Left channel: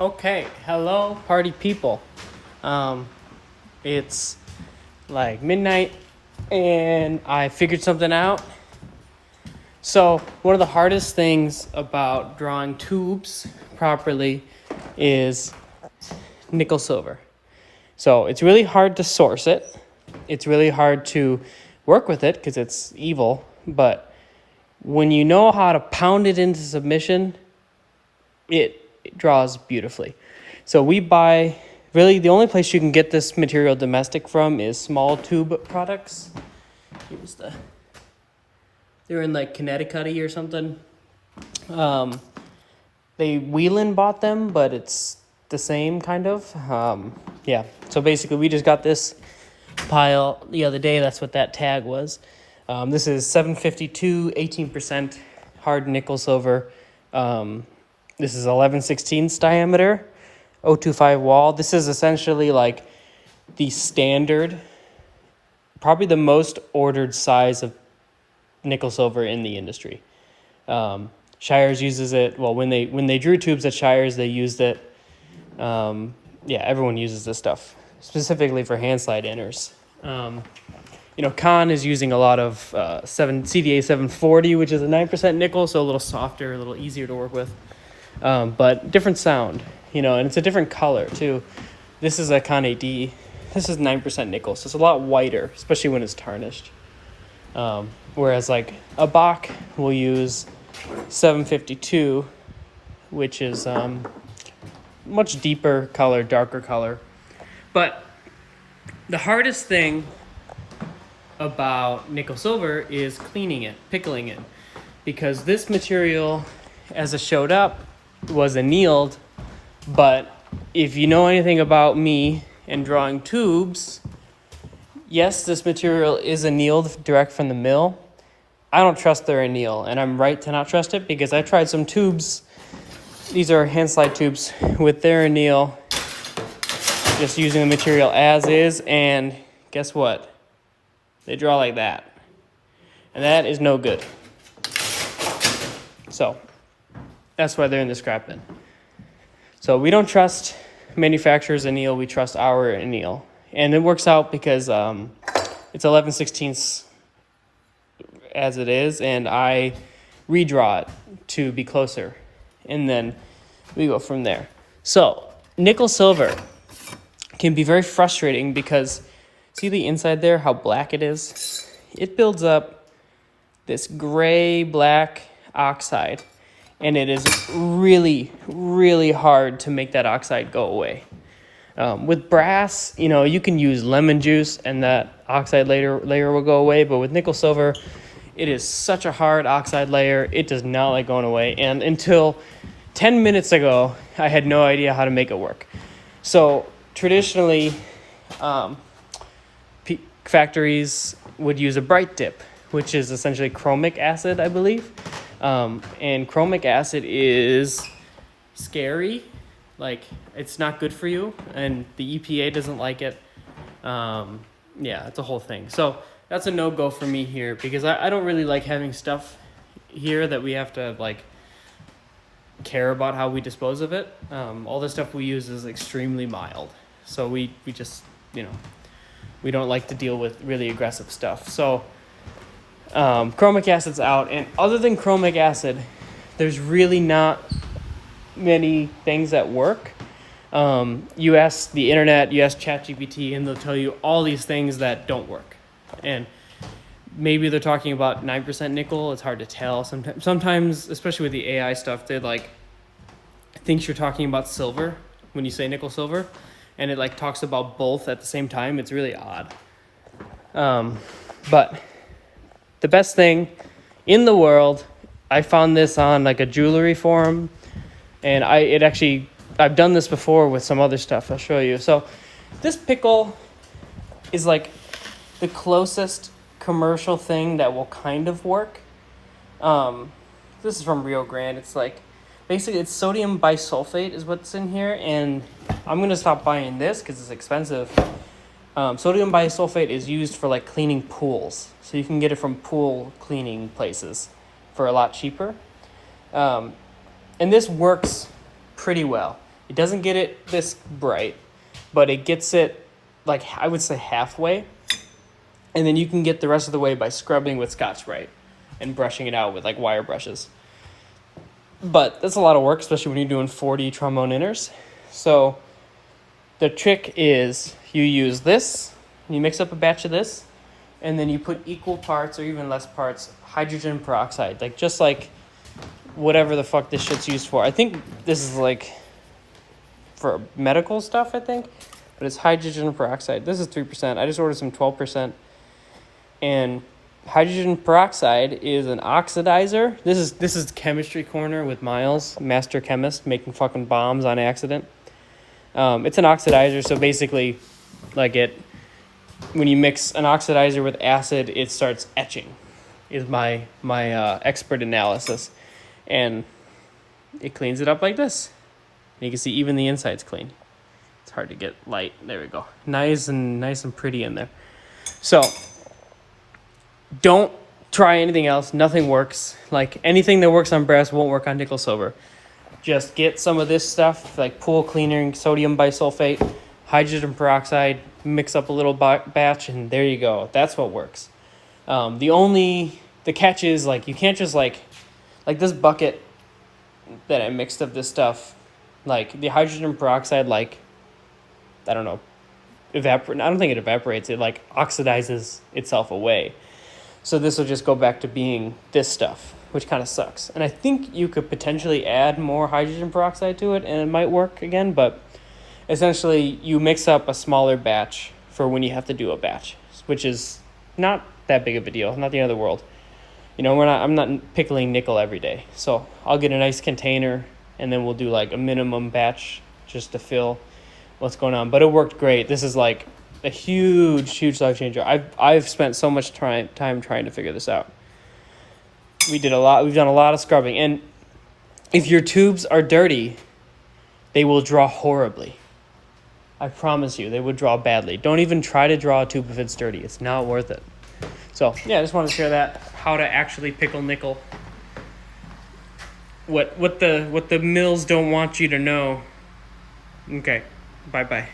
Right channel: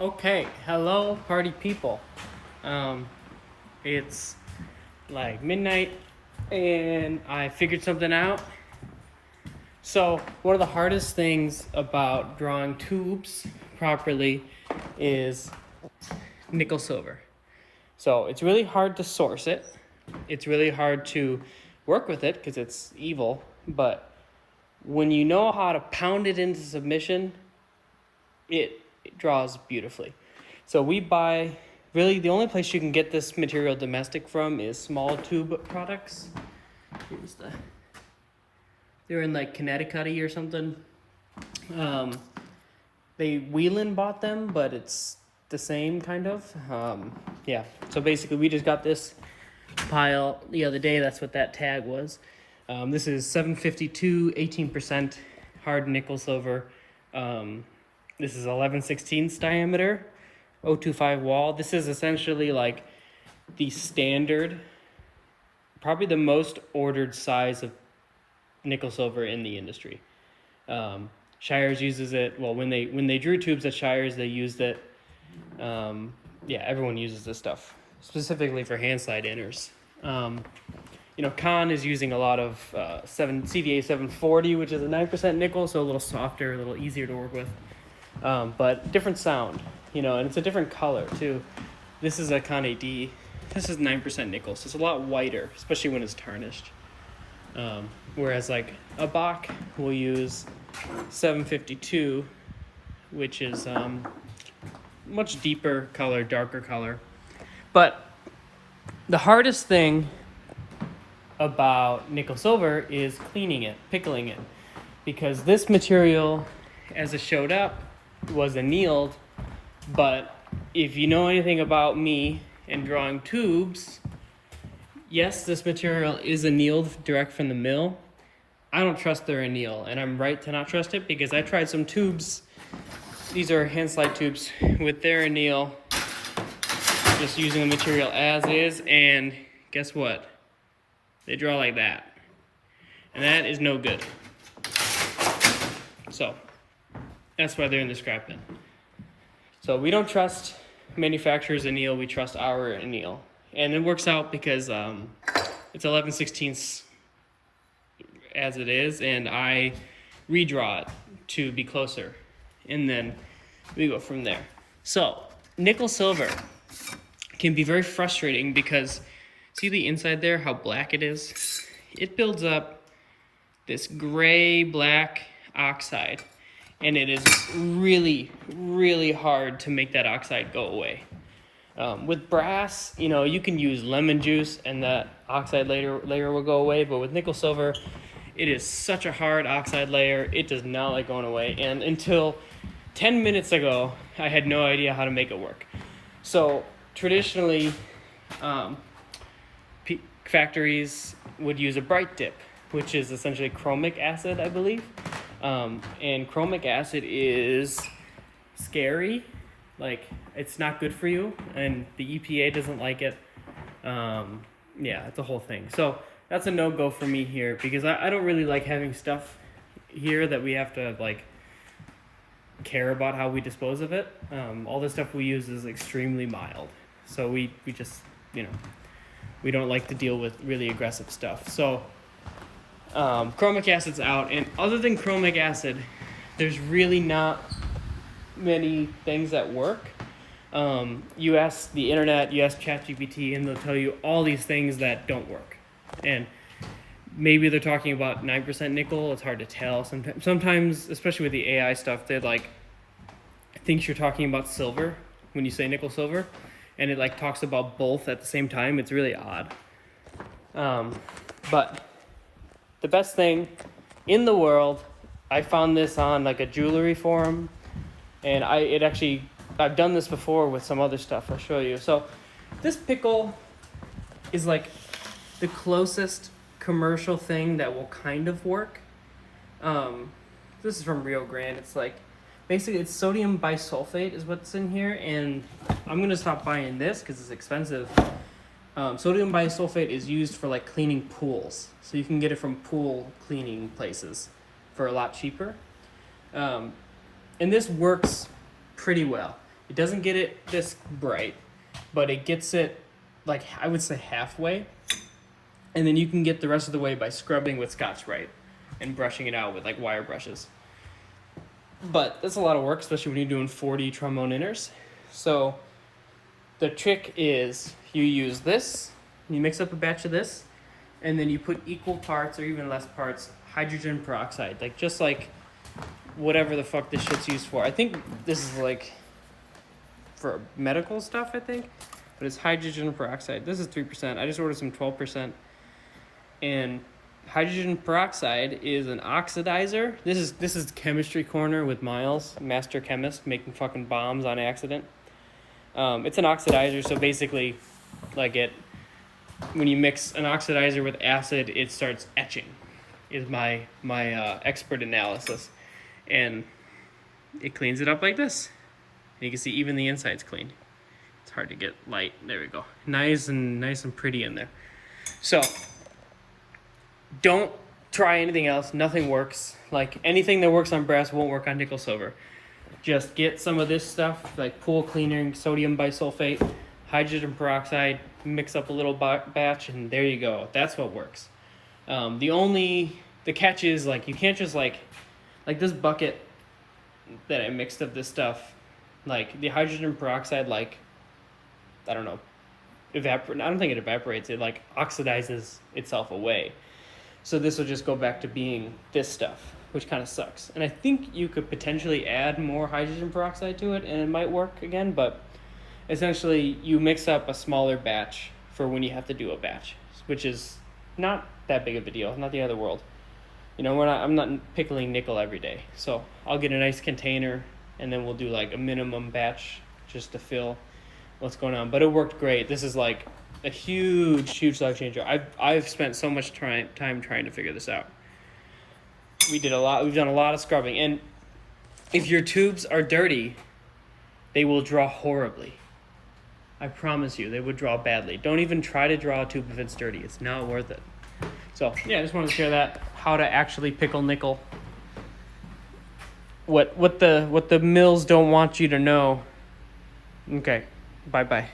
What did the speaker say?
Okay, hello, party people. Um, it's like midnight, and I figured something out. So, one of the hardest things about drawing tubes properly is nickel silver. So, it's really hard to source it. It's really hard to work with it because it's evil. But when you know how to pound it into submission, it draws beautifully. So we buy, really the only place you can get this material domestic from is small tube products. They're in like Connecticut or something. Wheelan bought them, but it's the same kind of. Yeah. So basically, we just got this pile the other day. That's what that tag was. This is 752, 18% hard nickel silver. This is 11/16 diameter, 025 wall. This is essentially like the standard, probably the most ordered size of nickel silver in the industry. Shires uses it. Well, when they drew tubes at Shires, they used it. Everyone uses this stuff specifically for hand slide inners. Kahn is using a lot of CDA 740, which is a 9% nickel, so a little softer, a little easier to work with. But different sound, and it's a different color too. This is a Kahn AD. This is 9% nickel, so it's a lot whiter, especially when it's tarnished. Whereas like a Bach will use 752, which is much deeper color, darker color. But the hardest thing about nickel silver is cleaning it, pickling it, because this material, as it showed up, was annealed. But if you know anything about me and drawing tubes, yes, this material is annealed direct from the mill. I don't trust their anneal, and I'm right to not trust it because I tried some tubes. These are hand slide tubes with their anneal, just using the material as is, and guess what? They draw like that. And that is no good. So, that's why they're in the scrap bin. So we don't trust manufacturer's anneal, we trust our anneal. And it works out because it's 11/16 as it is, and I redraw it to be closer. And then we go from there. So, nickel silver can be very frustrating because see the inside there, how black it is? It builds up this gray black oxide, and it is really, really hard to make that oxide go away. With brass, you can use lemon juice and that oxide layer will go away, but with nickel silver, it is such a hard oxide layer, it does not like going away. And until 10 minutes ago, I had no idea how to make it work. So traditionally, factories would use a bright dip, which is essentially chromic acid, I believe. And chromic acid is scary. Like, it's not good for you, and the EPA doesn't like it. It's a whole thing. So that's a no-go for me here because I don't really like having stuff here that we have to, like, care about how we dispose of it. All the stuff we use is extremely mild. So we just, we don't like to deal with really aggressive stuff. So chromic acid's out, and other than chromic acid, there's really not many things that work. You ask the internet, you ask ChatGPT, and they'll tell you all these things that don't work. And maybe they're talking about 9% nickel. It's hard to tell. Sometimes, especially with the AI stuff, they're like, thinks you're talking about silver when you say nickel silver, and it like talks about both at the same time. It's really odd. But the best thing in the world, I found this on like a jewelry forum, and I've done this before with some other stuff. I'll show you. So this Pickle is like the closest commercial thing that will kind of work. This is from Rio Grande. It's like, basically it's sodium bisulfate is what's in here, and I'm gonna stop buying this because it's expensive. Sodium bisulfate is used for like cleaning pools, so you can get it from pool cleaning places for a lot cheaper. And this works pretty well. It doesn't get it this bright, but it gets it, like, I would say halfway. And then you can get the rest of the way by scrubbing with Scotch-Brite and brushing it out with, like, wire brushes. But that's a lot of work, especially when you're doing 40 trombone inners. So the trick is you use this, you mix up a batch of this, and then you put equal parts or even less parts hydrogen peroxide, like just like whatever the fuck this shit's used for. I think this is like for medical stuff, I think, but it's hydrogen peroxide. This is 3%. I just ordered some 12%. And hydrogen peroxide is an oxidizer. This is Chemistry Corner with Miles, master chemist, making fucking bombs on accident. It's an oxidizer, so basically, like when you mix an oxidizer with acid, it starts etching, is my expert analysis. And it cleans it up like this. And you can see even the inside's clean. It's hard to get light. There we go. Nice and pretty in there. So don't try anything else. Nothing works. Like anything that works on brass won't work on nickel silver. Just get some of this stuff, like pool cleaner, sodium bisulfate, hydrogen peroxide, mix up a little batch, and there you go. That's what works. The catch is, like, you can't just like this bucket that I mixed up this stuff, like the hydrogen peroxide, like, I don't know, I don't think it evaporates. It like oxidizes itself away. So this will just go back to being this stuff, which kind of sucks. And I think you could potentially add more hydrogen peroxide to it and it might work again, but essentially you mix up a smaller batch for when you have to do a batch, which is not that big of a deal, not the end of the world. You know, I'm not pickling nickel every day. So I'll get a nice container and then we'll do like a minimum batch just to fill what's going on. But it worked great. This is like a huge life changer. I've spent so much time trying to figure this out. We've done a lot of scrubbing. And if your tubes are dirty, they will draw horribly. I promise you, they would draw badly. Don't even try to draw a tube if it's dirty. It's not worth it. So yeah, I just wanted to share that, how to actually pickle nickel. What the mills don't want you to know. Okay, bye.